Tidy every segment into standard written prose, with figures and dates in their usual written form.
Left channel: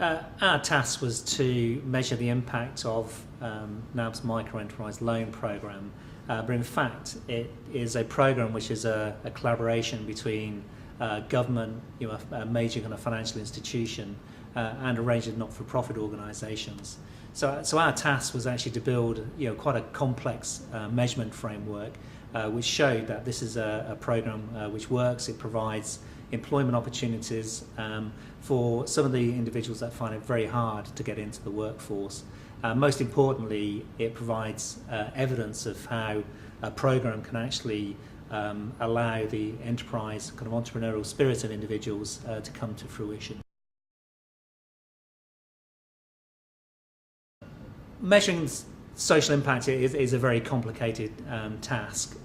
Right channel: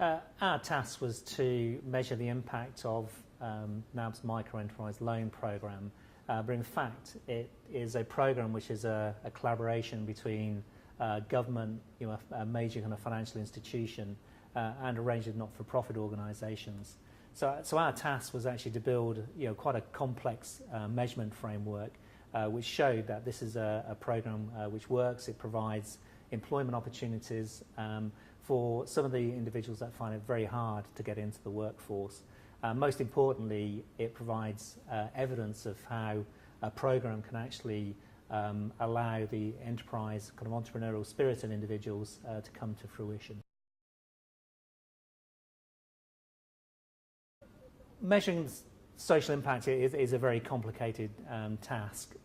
Our task was to measure the impact of NAB's Microenterprise loan programme, but in fact it is a programme which is a collaboration between government, a major kind of financial institution, and a range of not-for-profit organisations. So our task was actually to build quite a complex measurement framework which showed that this is a programme which works. It provides employment opportunities for some of the individuals that find it very hard to get into the workforce. Most importantly, it provides evidence of how a programme can actually allow the enterprise, kind of entrepreneurial spirit of individuals to come to fruition. Measuring social impact is a very complicated task.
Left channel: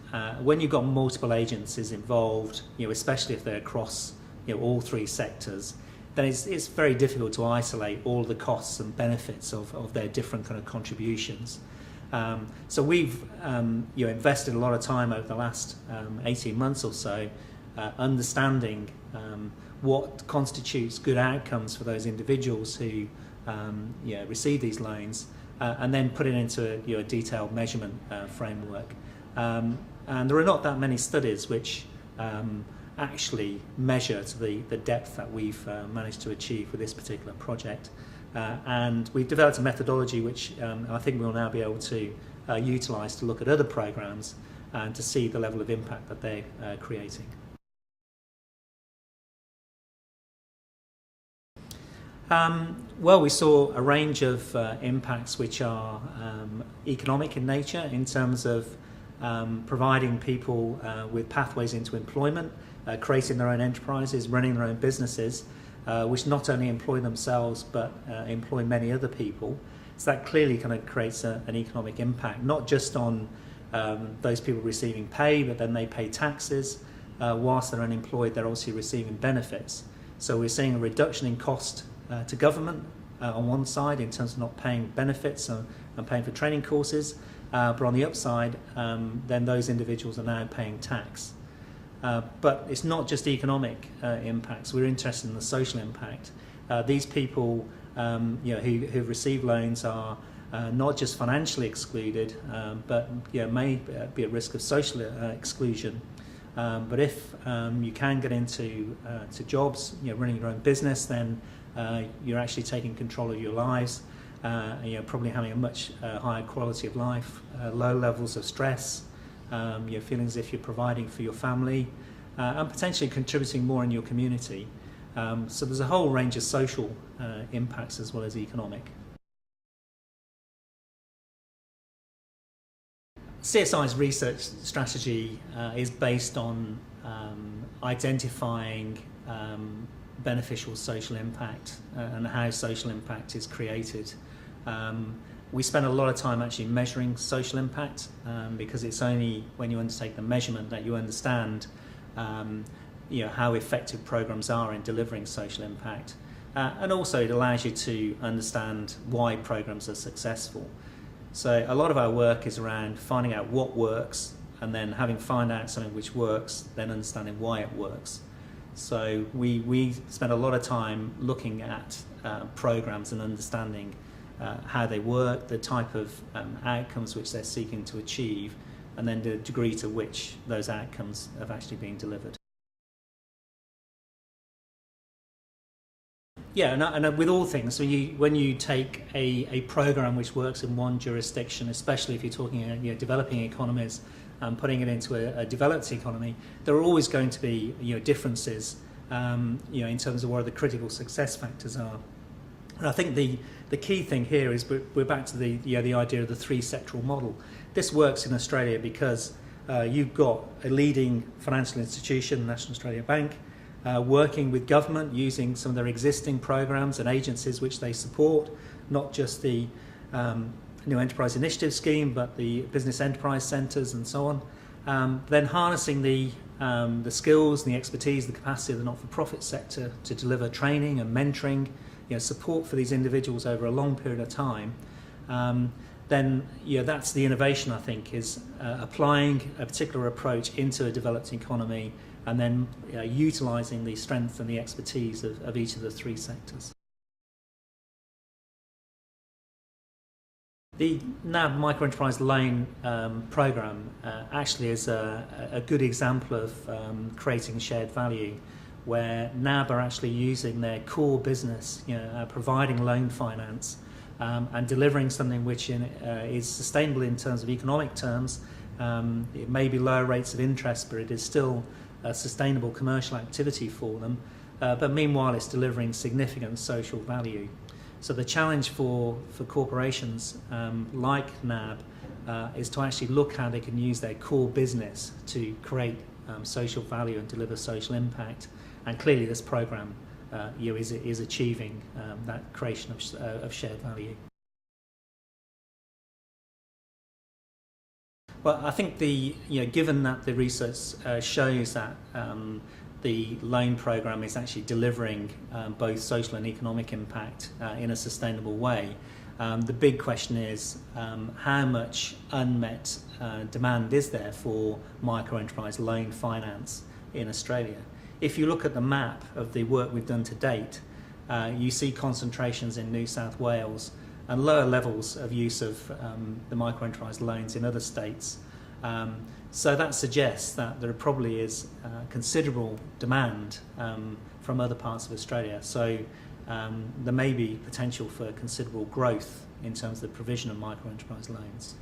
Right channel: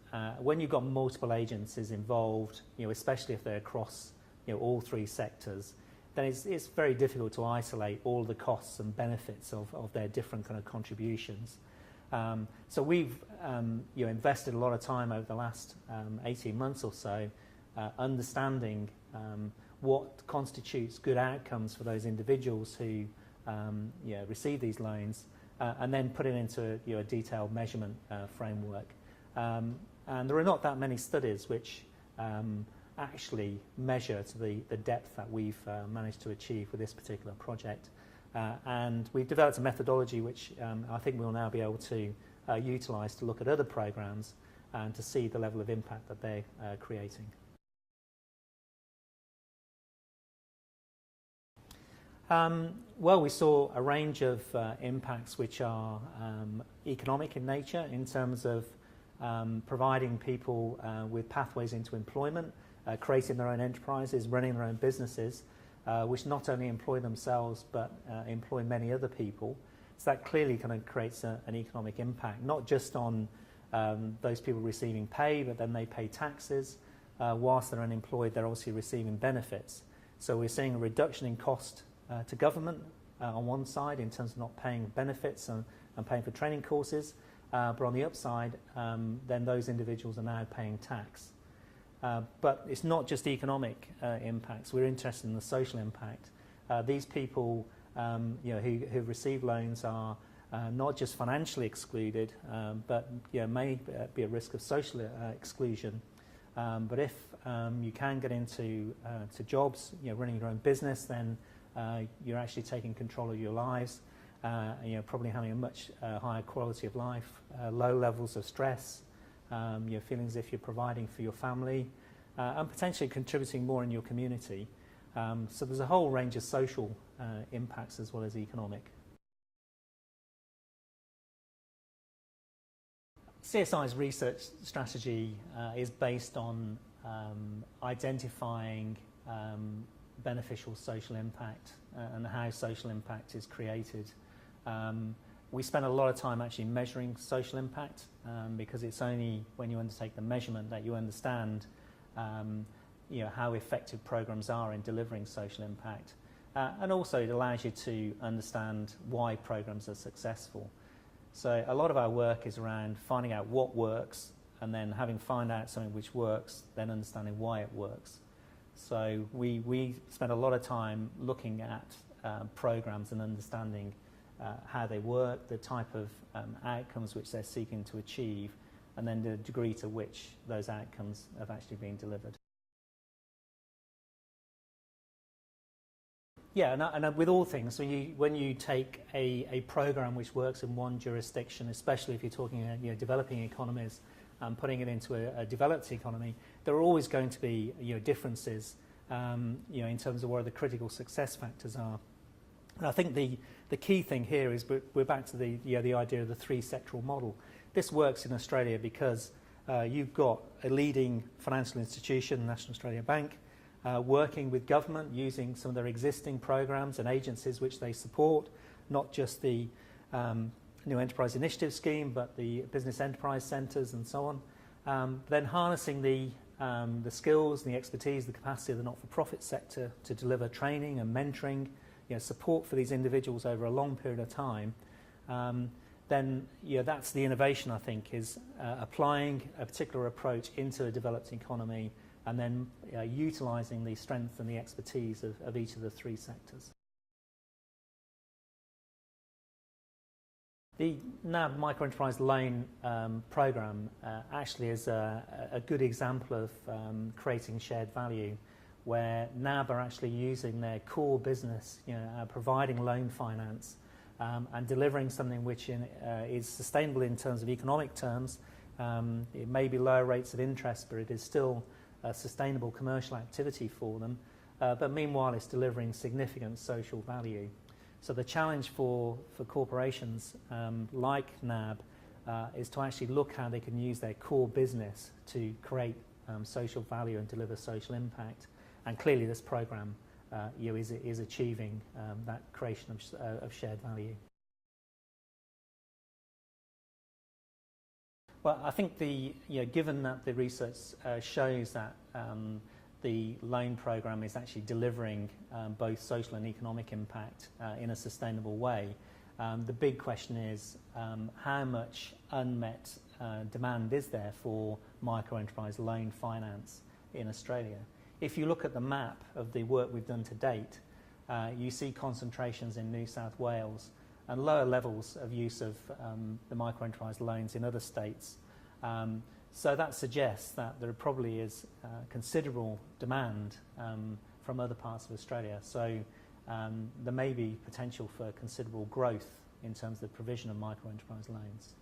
When you've got multiple agencies involved, especially if they're across all three sectors, then it's very difficult to isolate all the costs and benefits of their different kind of contributions. So we've invested a lot of time over the last 18 months or so understanding what constitutes good outcomes for those individuals who receive these loans, and then put it into a detailed measurement framework. And there are not that many studies which actually measure to the depth that we've managed to achieve with this particular project. And we've developed a methodology which I think we'll now be able to utilise to look at other programmes and to see the level of impact that they're creating. Well, we saw a range of impacts which are economic in nature, in terms of providing people with pathways into employment, creating their own enterprises, running their own businesses, which not only employ themselves but employ many other people. So that clearly kind of creates an economic impact, not just on those people receiving pay, but then they pay taxes. Whilst they're unemployed, they're also receiving benefits. So we're seeing a reduction in cost to government on one side, in terms of not paying benefits and paying for training courses, but on the upside, then those individuals are now paying tax. But it's not just economic impacts. We're interested in the social impact. These people who receive loans are not just financially excluded, but may be at risk of social exclusion. But if you can get into to jobs, running your own business, then you're actually taking control of your lives. You're probably having a much higher quality of life, low levels of stress, feeling as if you're providing for your family, and potentially contributing more in your community. So there's a whole range of social impacts as well as economic. CSI's research strategy is based on identifying beneficial social impact and how social impact is created. We spend a lot of time actually measuring social impact, because it's only when you undertake the measurement that you understand how effective programs are in delivering social impact. And also it allows you to understand why programs are successful. So a lot of our work is around finding out what works, and then having found out something which works, then understanding why it works. So we spend a lot of time looking at programs and understanding how they work, the type of outcomes which they're seeking to achieve, and then the degree to which those outcomes have actually been delivered. Yeah, and with all things, when you take a program which works in one jurisdiction, especially if you're talking developing economies, and putting it into a developed economy, there are always going to be differences in terms of what the critical success factors are. And I think the key thing here is we're back to the idea of the three sectoral model. This works in Australia because you've got a leading financial institution, the National Australia Bank, working with government using some of their existing programs and agencies which they support, not just the New Enterprise Initiative Scheme, but the business enterprise centres and so on. Then harnessing the skills and the expertise, the capacity of the not-for-profit sector to deliver training and mentoring, support for these individuals over a long period of time. Then that's the innovation, I think, is applying a particular approach into a developed economy, and then utilising the strength and the expertise of each of the three sectors. The NAB Microenterprise Loan Programme actually is a good example of creating shared value, where NAB are actually using their core business, providing loan finance and delivering something which is sustainable in terms of economic terms. It may be lower rates of interest, but it is still a sustainable commercial activity for them. But meanwhile, it's delivering significant social value. So the challenge for corporations like NAB is to actually look how they can use their core business to create social value and deliver social impact. And clearly this programme is achieving that creation of shared value. Well, I think given that the research shows that the loan programme is actually delivering both social and economic impact in a sustainable way, the big question is how much unmet demand is there for microenterprise loan finance in Australia. If you look at the map of the work we've done to date, you see concentrations in New South Wales and lower levels of use of the microenterprise loans in other states. So that suggests that there probably is considerable demand from other parts of Australia. So there may be potential for considerable growth in terms of the provision of microenterprise loans.